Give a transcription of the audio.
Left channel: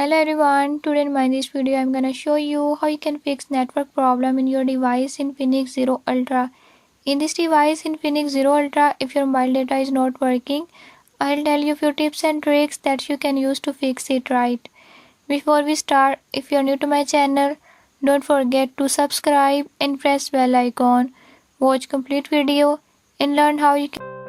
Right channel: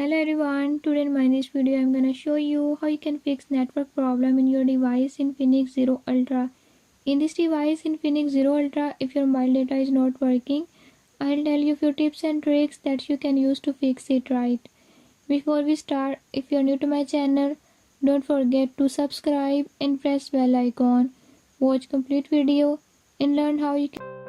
Hello everyone, today in this video I'm gonna show you how you can fix network problem in your device Infinix Zero Ultra. In this device Infinix Zero Ultra, if your mobile data is not working, I'll tell you a few tips and tricks that you can use to fix it right. Before we start, if you're new to my channel, don't forget to subscribe and press bell icon. Watch complete video and learn how you can